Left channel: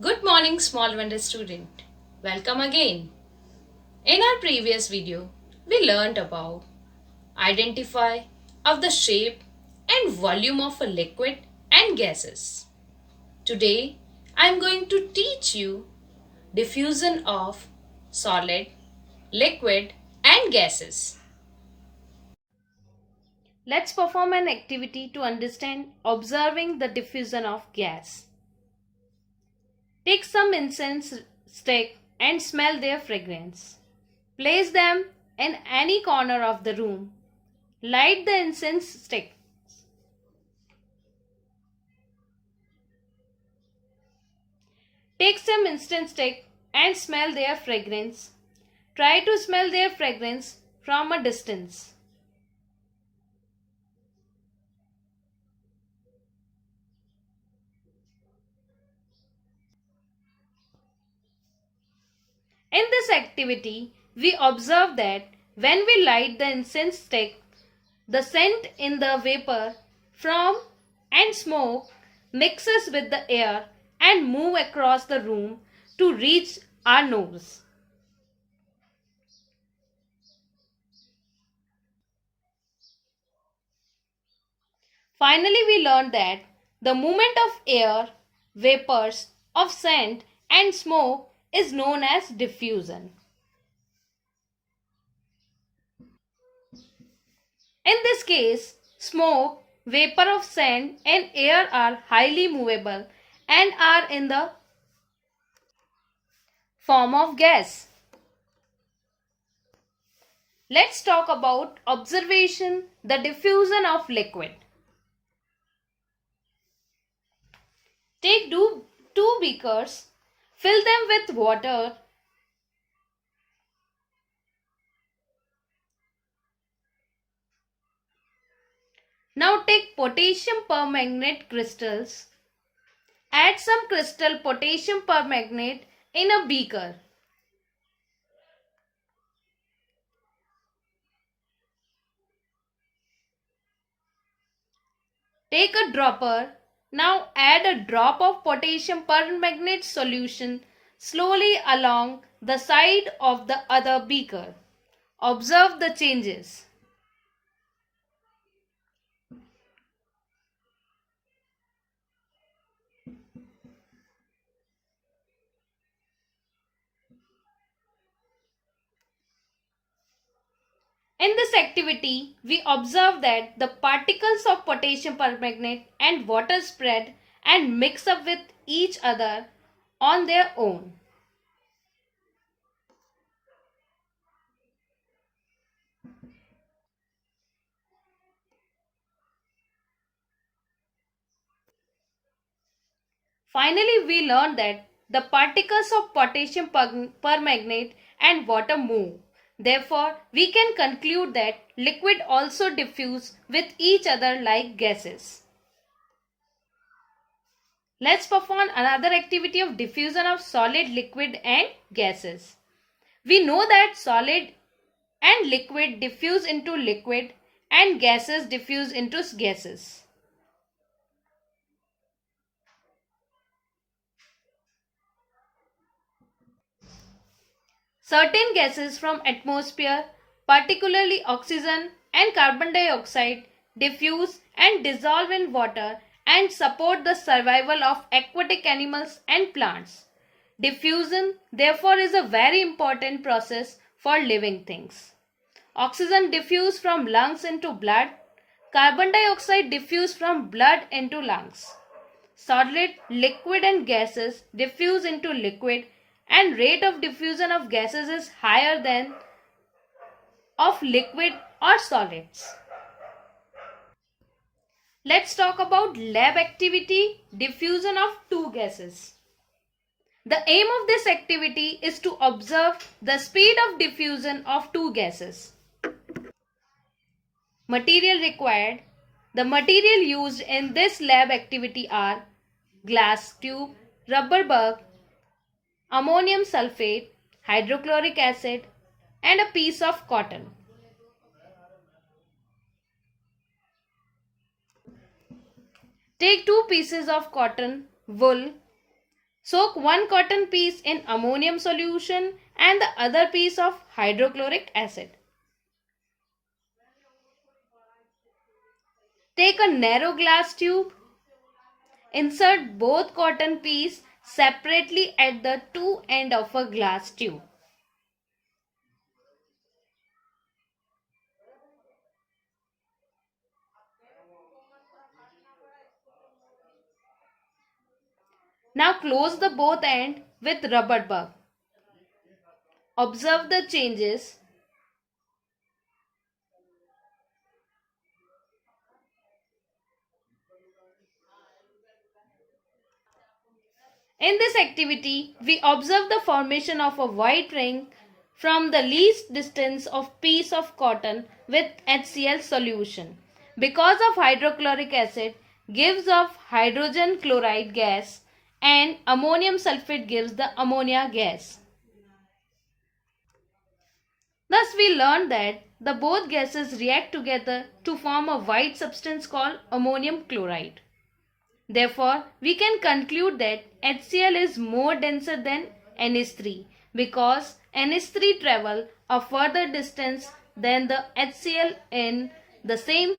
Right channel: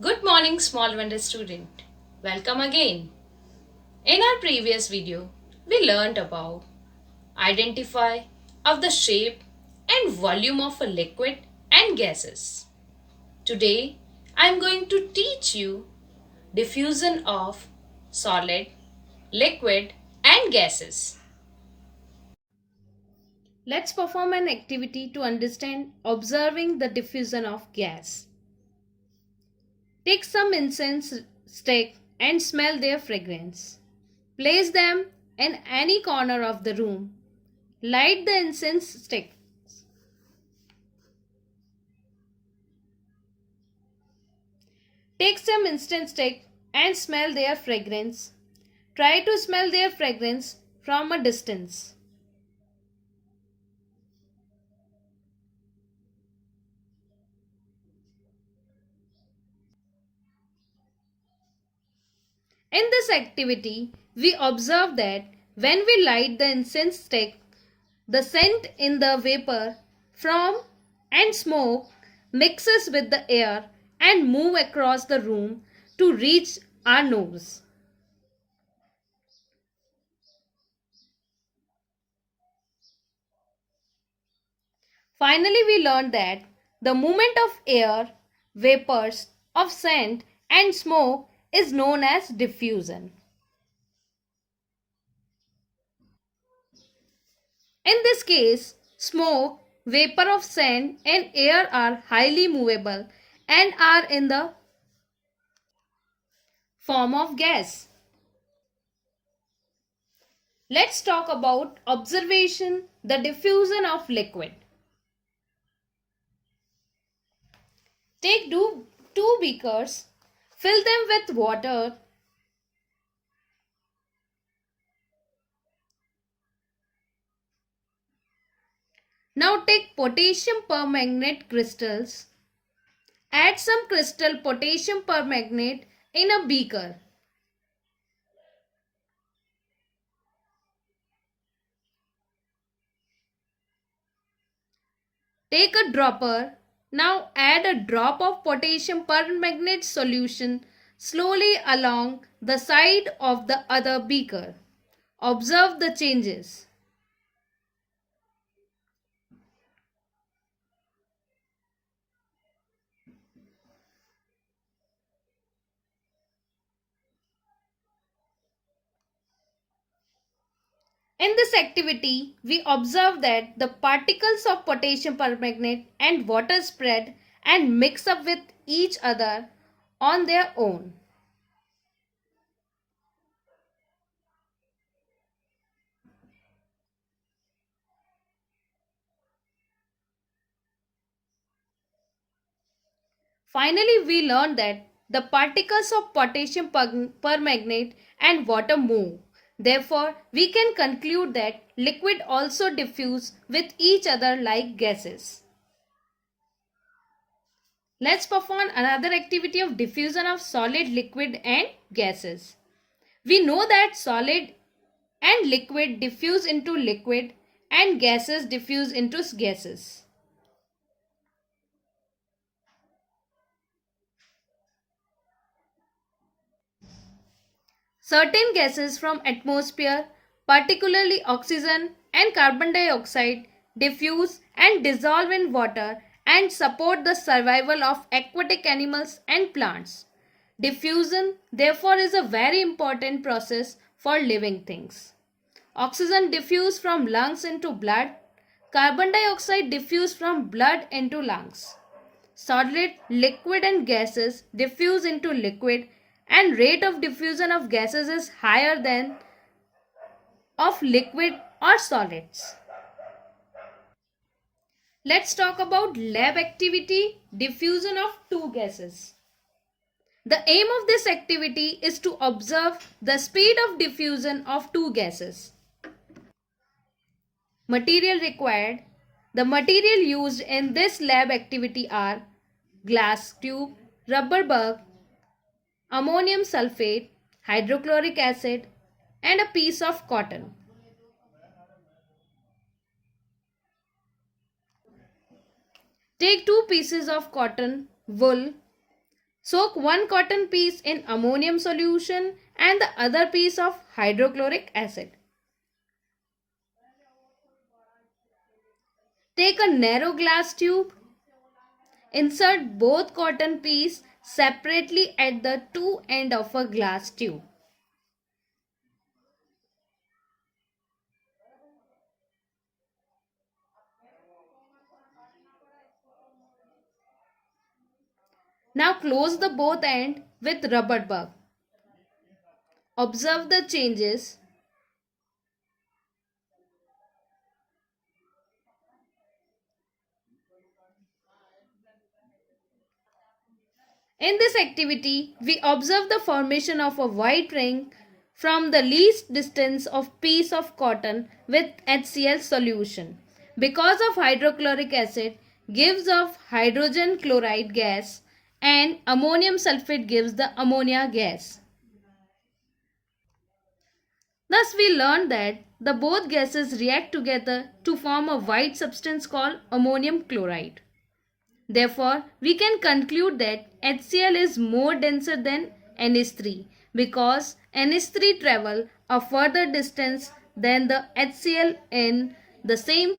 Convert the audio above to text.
Good morning, small wonder student. Welcome again. In our previous video, we learned about identify of the shape and volume of a liquid and gases. Today, I am going to teach you diffusion of solid, liquid and gases. Let's perform an activity to understand observing the diffusion of gas. Take some incense stick and smell their fragrance. Place them in any corner of the room. Light the incense stick. Take some incense stick and smell their fragrance. Try to smell their fragrance from a distance. In this activity, we observe that when we light the incense stick, the scent in the vapor from and smoke mixes with the air and move across the room to reach our nose. Finally, we learned that the movement of air, vapors of scent and smoke is known as diffusion. In this case, smoke, vapor of scent and air are highly movable and are in the form of gas. Let's talk about observation, the diffusion of liquid. Take two beakers, fill them with water. Now take potassium permanganate crystals. Add some crystal potassium permanganate in a beaker. Take a dropper. Now add a drop of potassium permanganate solution slowly along the side of the other beaker. Observe the changes. In this activity, we observe that the particles of potassium permanganate and water spread and mix up with each other on their own. Finally, we learned that the particles of potassium permanganate and water move. Therefore, we can conclude that liquid also diffuse with each other like gases. Let's perform another activity of diffusion of solid, liquid and gases. We know that solid and liquid diffuse into liquid and gases diffuse into gases. Certain gases from atmosphere, particularly oxygen and carbon dioxide, diffuse and dissolve in water and support the survival of aquatic animals and plants. Diffusion, therefore, is a very important process for living things. Oxygen diffuse from lungs into blood. Carbon dioxide diffuse from blood into lungs. Solid, liquid and gases diffuse into liquid and rate of diffusion of gases is higher than of liquid or solids. Let's talk about lab activity diffusion of two gases. The aim of this activity is to observe the speed of diffusion of two gases. Material required. The material used in this lab activity are glass tube, rubber bulb, ammonium sulfate, hydrochloric acid, and a piece of cotton. Take two pieces of cotton wool, Soak one cotton piece in ammonium solution and the other piece of hydrochloric acid. Take a narrow glass tube. Insert both cotton pieces separately at the two ends of a glass tube. Now close the both ends with rubber bug. Observe the changes. In this activity, we observe the formation of a white ring from the least distance of piece of cotton with HCl solution. Because of hydrochloric acid gives off hydrogen chloride gas and ammonium sulfate gives the ammonia gas. Thus we learned that the both gases react together to form a white substance called ammonium chloride. Therefore, we can conclude that HCl is more denser than NH3 because NH3 travel a further distance than the HCl in the same